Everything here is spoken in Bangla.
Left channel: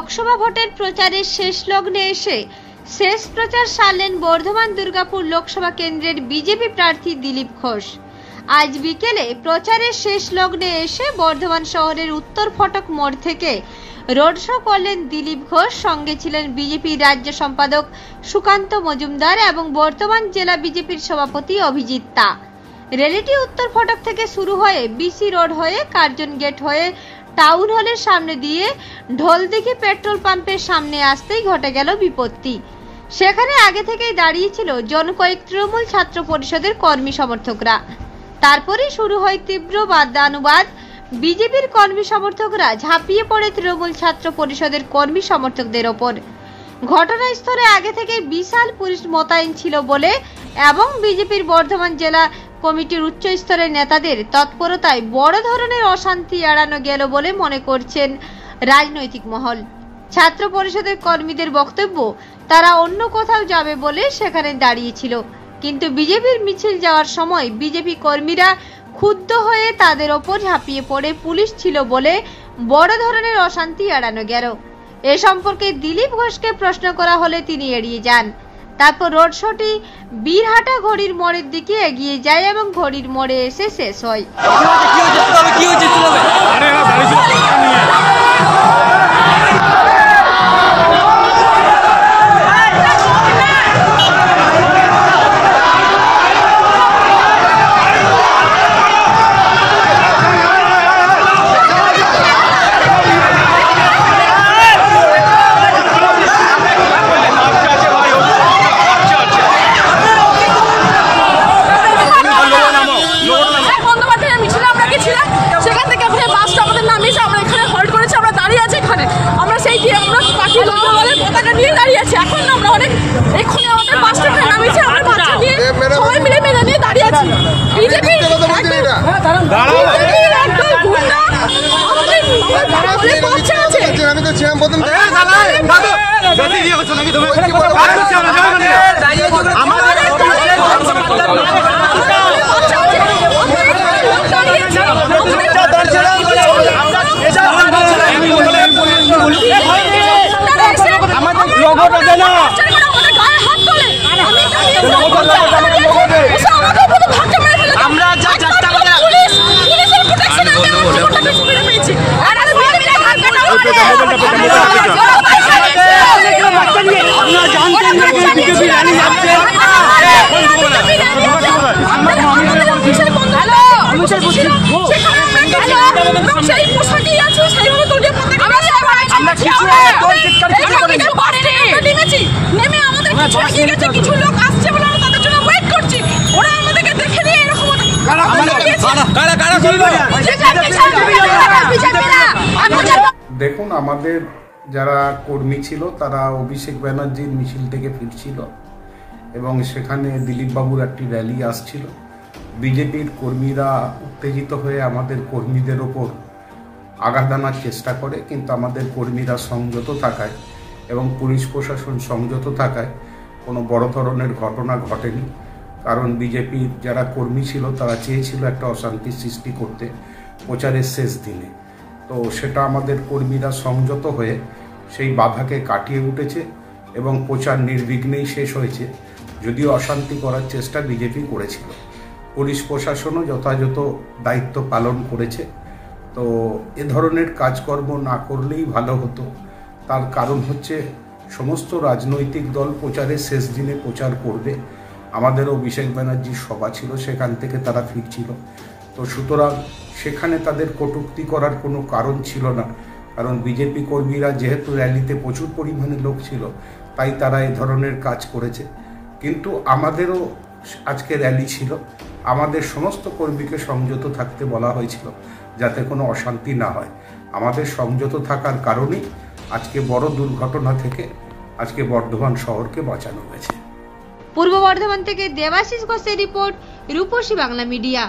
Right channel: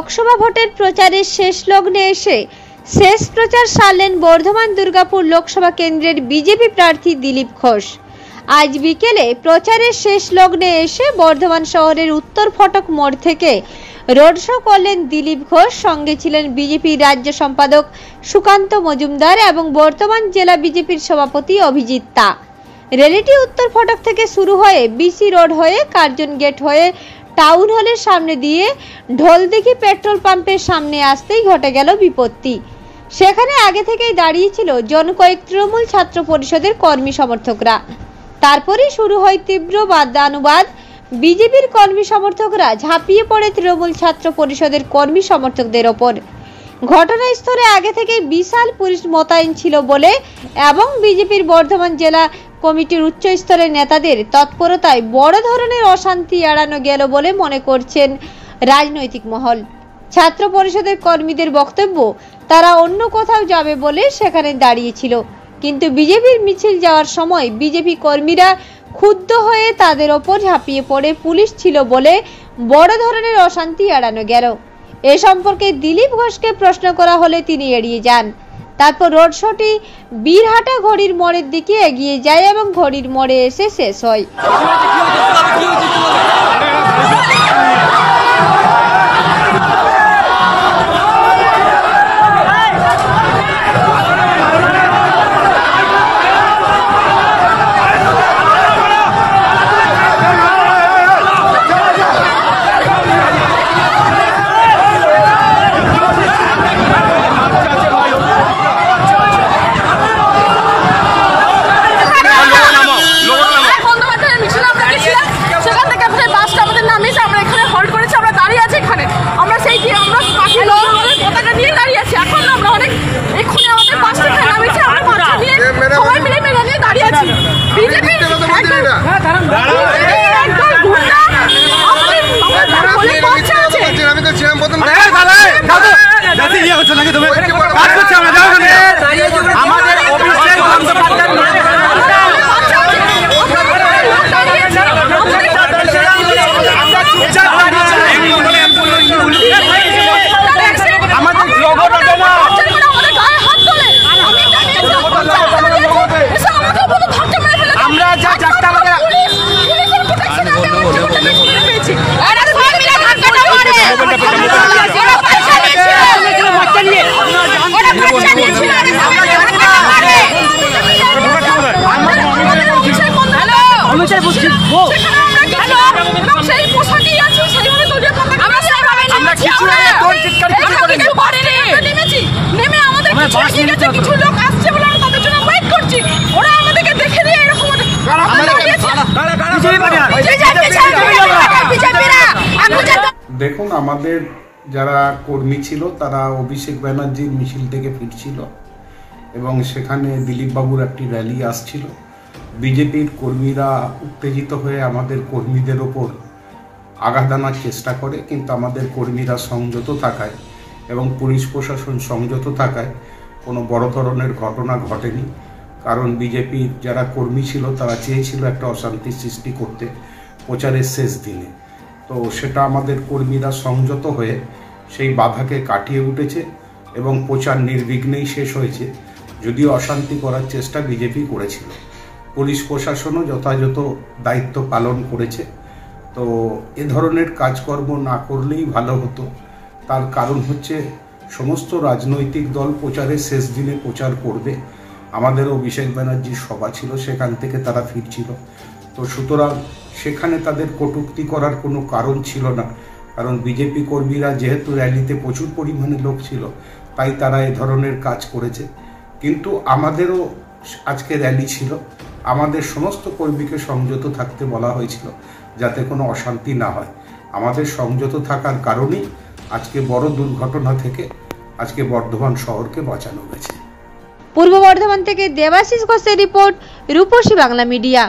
লোকসভা ভোটের প্রচারের শেষ লগ্নে এসে শেষ প্রচার সারলেন বর্ধমান দুর্গাপুর লোকসভা কেন্দ্রের বিজেপি প্রার্থী দিলীপ ঘোষ। আজ বিকেলে প্রচারের শেষ লগ্নে এসে বর্ধমান শহরের উত্তর ফটক মোড় থেকে রোড শো করলেন দিলীপ ঘোষ। সঙ্গে ছিলেন বিজেপি রাজ্য সম্পাদক সুকান্ত মজুমদার এবং বর্ধমান জেলা বিজেপির সভাপতি অভিজিৎ তা। র্যালিটি উত্তর ফটক থেকে শুরু হয়ে বিসি রোড হয়ে কার্জন গেট হয়ে টাউন হলের সামনে দিয়ে ঢোলদিঘি পেট্রোল পাম্পের সামনে আসতেই ঘটে গেল বিপত্তি। সেখানে আগে থেকেই দাঁড়িয়েছিল জনকয়েক তৃণমূল ছাত্র পরিষদের কর্মী সমর্থকরা। তারপরেই শুরু হয় তীব্র বাদানুবাদ। বিজেপির কর্মী সমর্থকরা ঝাঁপিয়ে পড়ে তৃণমূল ছাত্র পরিষদের কর্মী সমর্থকদের ওপর। ঘটনাস্থলে আগে থেকে বিশাল পুলিশ মোতায়েন ছিল বলে এবং বিজেপির বর্ধমান জেলা কমিটির উচ্চ স্তরের নেতাদের তৎপরতায় বড় ধরনের অশান্তি এড়ানো গেল বলে মনে করছেন রাজনৈতিক মহল। ছাত্র পরিষদের কর্মীদের বক্তব্য, তারা অন্য কোথাও যাবে বলে সেখানে দাঁড়িয়েছিল, কিন্তু বিজেপির মিছিল যাওয়ার সময় বিজেপি কর্মীরা ক্ষুব্ধ হয়ে তাদের ওপর ঝাঁপিয়ে পড়ে পুলিশ ছিল বলে বড় ধরনের অশান্তি এড়ানো গেল। এ সম্পর্কে দিলীপ ঘোষকে প্রশ্ন করা হলে তিনি এড়িয়ে যান। তারপর রোড শোটি বীরহাটা ঘড়ির মোড়ের দিকে এগিয়ে যায় এবং ঘড়ির মোড়ে এসে শেষ হয়। এখন আমরা অনেক এক্ষুনি আমাদের বাস থেকে নামিয়েছে, আমরা বাচ্চা নিয়ে সবাই মিলে মেলা নিয়ে দাঁড়িয়ে আছি। বিজেপি একদম গুন্ডা আমাদের বলে বাচ্চা আছে। আমি তো ছিলাম প্রথম থেকে কিছু লোক আসছে বলে আমরা তাদের জন্য ওয়েট করছি। ওরা আমাদেরকে দেখে দিয়ে এরকম দেখুন, আমাদের যারা কর্মী ছিল তারা অভিষেক ব্যানার্জির মিছিল থেকে ফিরছিল এবং সেখানে দিলীপ বাবুর একটি র্যালি আসছিল। বিজেপির কর্মীরা উত্তেজিত হয়ে আমাদের কর্মীদের ওপর আঘাত আনার চেষ্টা করে, কিন্তু আমাদের কর্মীরা সংযত থাকায় এবং পুলিশ প্রশাসন সংযত থাকায় কোনো বড় ধরনের ঘটনা ঘটেনি। কারণ বিজেপির যারা কর্মী ছিল তারা চেয়েছিল একটা অশান্তি সৃষ্টি করতে প্রচারের শেষ দিনে। তো সেটা আমাদের কর্মীরা সংযত হয়ে সেই বাধাকে কাটিয়ে উঠেছে এবং প্রচার নির্বিঘ্নেই শেষ হয়েছে। যদিও অশান্তি করার চেষ্টা বিজেপি করেছিল, পুলিশ প্রশাসনও যথাযথ দায়িত্ব পালন করেছে। তো এ ধরনের কাজকর্ম না করলেই ভালো হতো। তার কারণ হচ্ছে সমস্ত রাজনৈতিক দল প্রচারের শেষ দিনে প্রচার করবে। আমাদেরও অভিষেক ব্যানার্জির সভা ছিল, সেখান থেকে তারা ফিরছিল। তো সুতরাং সেখানে তাদের কটূক্তি করার কোনো কারণ ছিল না, কারণ বিজেপি কর্মীরা যেহেতু র্যালিতে প্রচুর পরিমাণে লোক ছিল তাই তারা এ ধরনের কাজ করেছে। কিন্তু আমাদেরও আজকে র্যালি ছিল, আমাদের সমস্ত কর্মীকে সংযত থাকতে বলা হয়েছিল যাতে কোনো অশান্তি না হয়। আমাদের সংযত থাকার কারণেই আজকে বড় দুর্ঘটনা থেকে আজকে বর্ধমান শহরকে বাঁচানো গেছে। পূর্ব বর্ধমান থেকে দেবাশিস ঘোষের রিপোর্ট, রূপসী বাংলা মিডিয়া।